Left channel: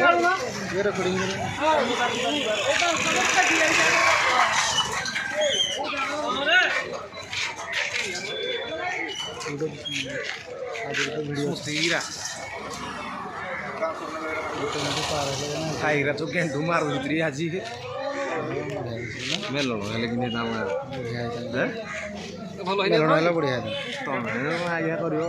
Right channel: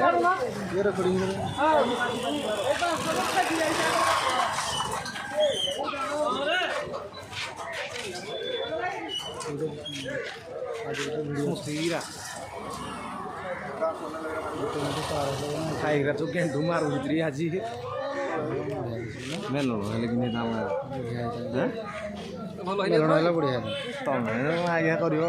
ये रिकॉर्डिंग ଖାଇରା ତ ଗେଣ୍ଡୁ ମାରୁଛି ଆଜି ମେଲଣ ହେଲେ କି ମେଲଣ ହେଲେ ବଢ଼ିଆ ତମେ ଆଜ୍ଞା କରିବ